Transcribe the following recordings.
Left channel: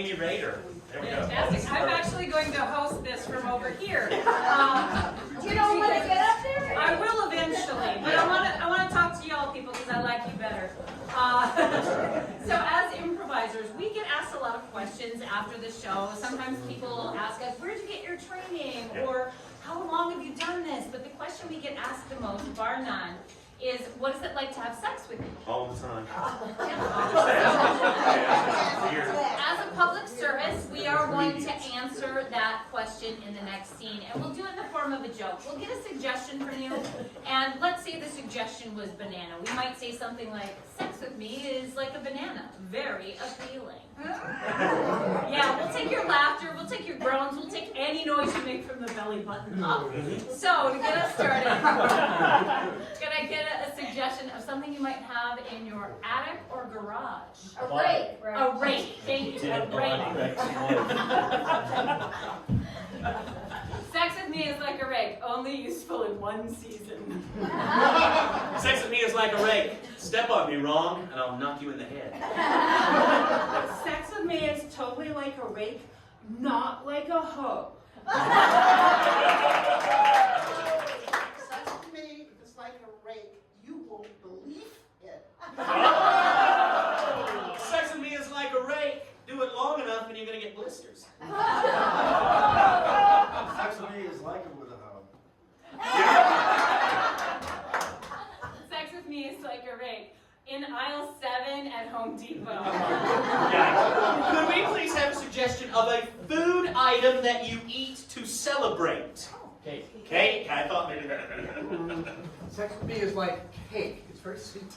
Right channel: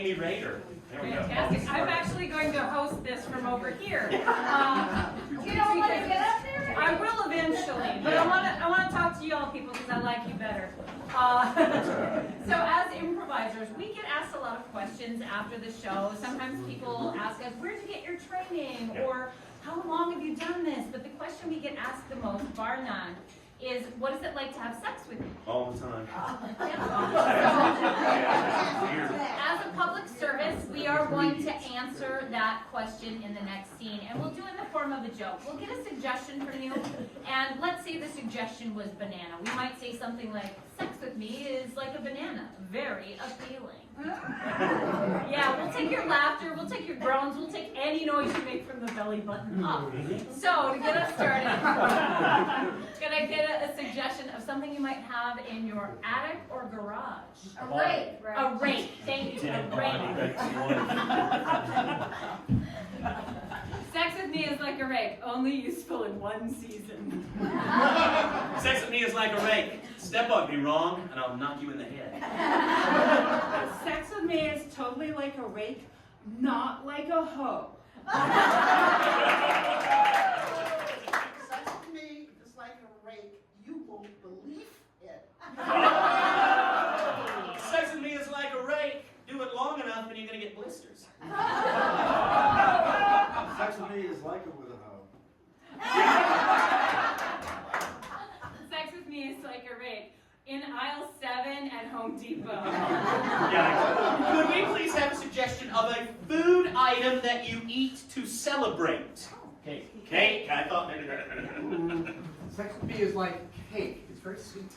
Amy Rader. There we go. Fantastic. I'm actually going to host this from over here. You don't want to get up there? I will eventually, but I want to talk to you all people because I like you better. So as improvisers, we get asked a lot of questions after the show. Sometimes people ask us, where'd you get your training? Or how long have you done this? But the question we get asked the most, bar none, is what is it like to have sex with you? All the time. As a public service, we are going to answer that question in the next scene, and we'll do it in the form of a joke. We'll get a suggestion from you, and let's say the suggestion was banana. We might say something like, sex with me is like a banana, very appealing. Yeah, we'll take your laughter, we'll take your groans, we'll take any noise you make from the belly button up. So, to get us started, can I get a suggestion of something you might have in your attic or garage? A rake. A rake, thank you, a rake. Sex with me is like a rake, only useful in one season. Sex with me is like a rake. Step on me wrong, and I'll knock you in the head. Sex with me is totally like a rake, not like a hoe. Sex with me is like a rake. You won't believe it. Sex with me is like a rake. Do it long enough, and you're gonna get blisters. Sex with me is like it with a hoe. Sex with me is like a rake. In aisle 7 at Home Depot. Yeah. Could we please have a suggestion of a food item that you eat to celebrate? Cake. Cake? I thought. Sex with me is like cake. It's very sweet.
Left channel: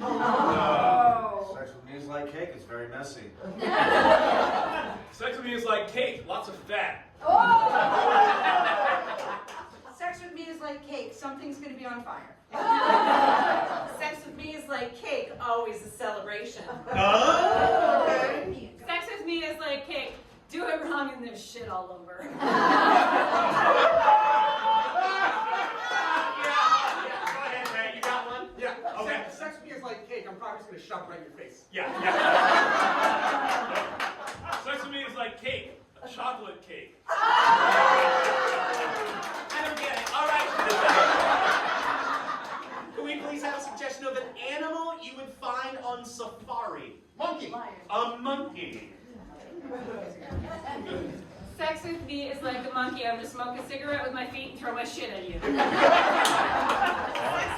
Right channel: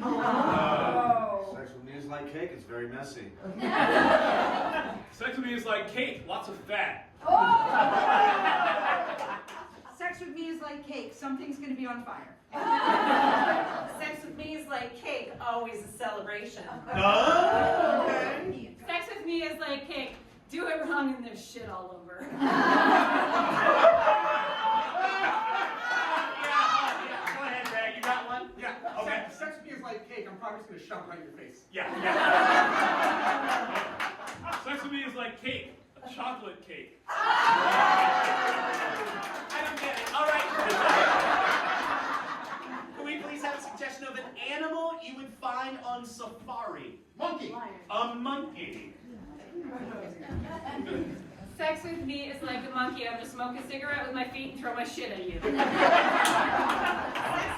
Oh. Sex with me is like cake, it's very messy. Sex with me is like cake, lots of fat. Sex with me is like cake. Something's going to be on fire. Sex with me is like cake, always a celebration. Oh. Sex with me is like cake. Do it wrong and there's shit all over. Yeah, go ahead, Ray. You got one? Yeah. Okay. Sex with me is like cake. I'm probably just gonna shove it right in your face. Yeah. Sex with me is like cake, a chocolate cake. I don't get it. All right. Can we please have a suggestion of an animal you would find on safari? Monkey. A monkey. Sex with me is like a monkey. I'm gonna smoke a cigarette with my feet and throw my shit at you. Sex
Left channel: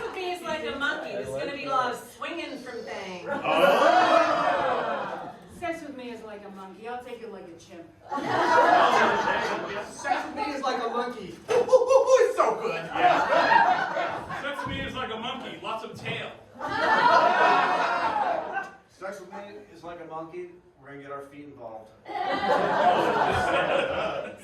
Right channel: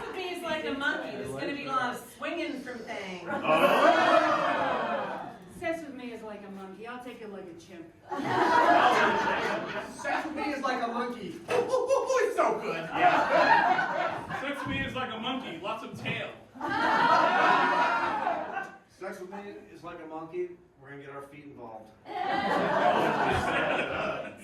with me is like a monkey. There's going to be a lot of swinging from things. Sex with me is like a monkey. I'll take it like a chimp. Sex with me is like a monkey. It's so good. Sex with me is like a monkey, lots of tail. Sex with me is like a monkey, we're gonna get our feet involved.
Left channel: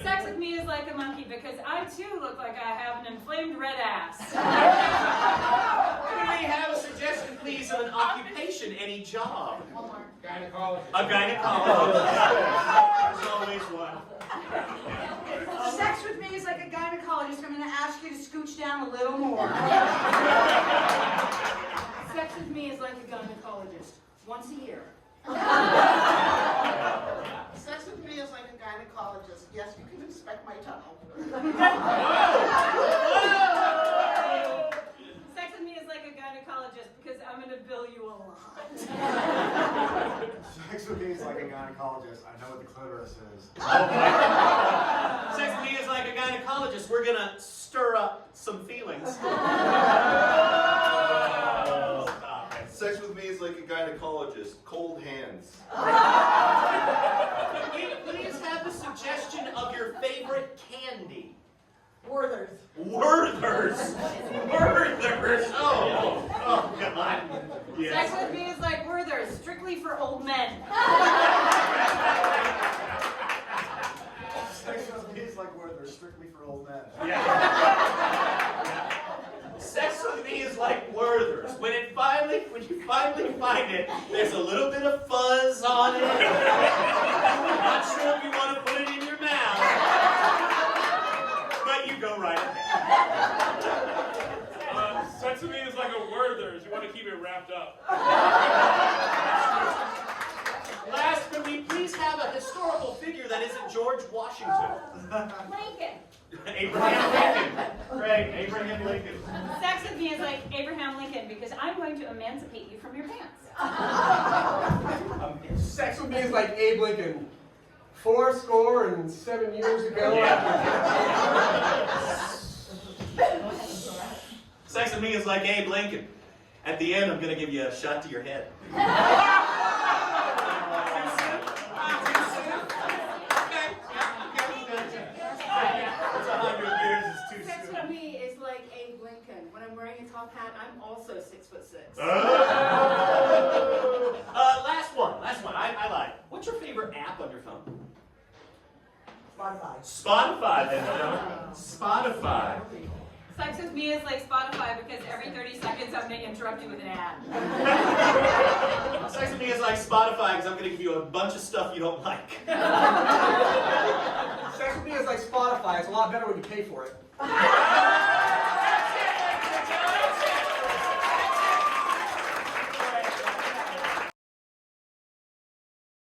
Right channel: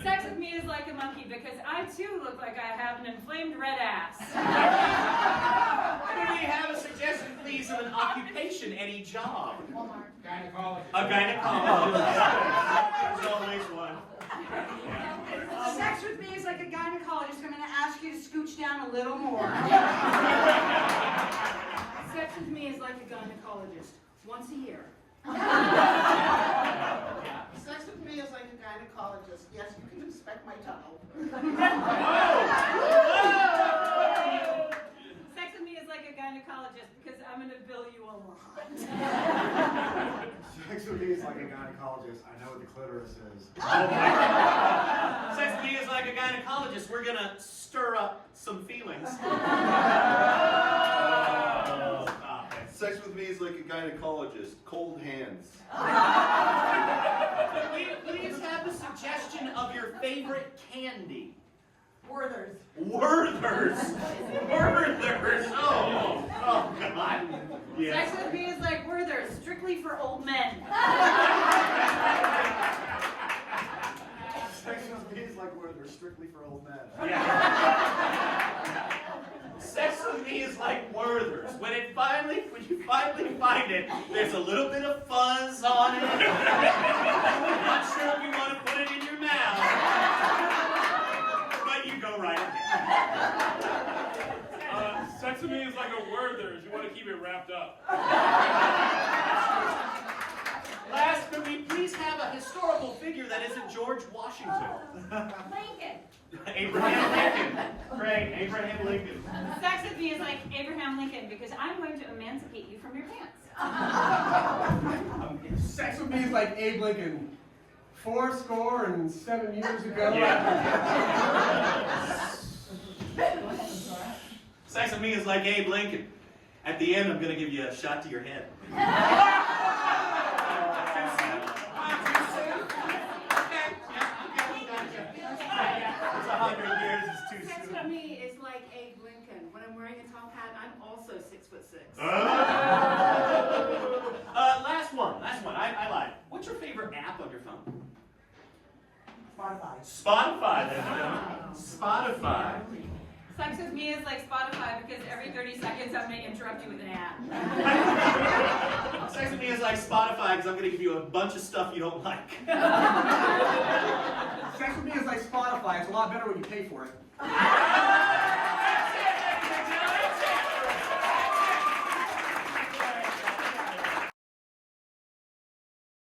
Sex with me is like a monkey because I too look like I have an inflamed red ass. Can we have a suggestion, please, of an occupation, any job? Gynecologist. A gynecologist. There's always one. Sex with me is like a gynecologist. I'm going to ask you to scooch down a little more. Sex with me is like a gynecologist. Once a year. Sex with me is like a gynecologist. Yes, you can inspect my tummy. Sex with me is like a gynecologist because I'm gonna bill you a lot. Sex with me is like a gynecologist, I know what the clitoris is. Sex with me is like a gynecologist. We're gonna stir up some feelings. Stop it. Sex with me is like a gynecologist. Cold hands. Can we please have a suggestion of your favorite candy? Werther's. Werther's. Werther's. Oh God. Yes. Sex with me is like Werther's, strictly for old men. Sex with me is like where they're strictly for old men. Yeah. Sex with me is like Werther's. When you finally find it, there's a little bit of fuzz on it. I'm not sure if you want to put it in your mouth. But you go right ahead. Sex with me is like a Werther's. You want to keep it wrapped up. Last, could we please have a historical figure that isn't George Washington. Lincoln. Abraham Lincoln. Great, Abraham Lincoln. Sex with me is like Abraham Lincoln because I'm going to emancipate you from your pants. Sex with me is like Abe Lincoln. 7 years ago. Sex with me is like Abe Lincoln. At the end, I'm going to give you a shot to your head. It's 100 years, it's too Sex soon. with me is like Abe Lincoln. When I'm wearing a top hat, I'm also 6'6". Last one. I lied. What's your favorite app on your phone? Spotify. Spotify. Sex with me is like Spotify because every 30 seconds I'm going to interrupt you with an ad. Sex with me is like Spotify because I'm going to give you a bunch of stuff you don't like. Sex with me is like Spotify. It's a lot better when you pay for it.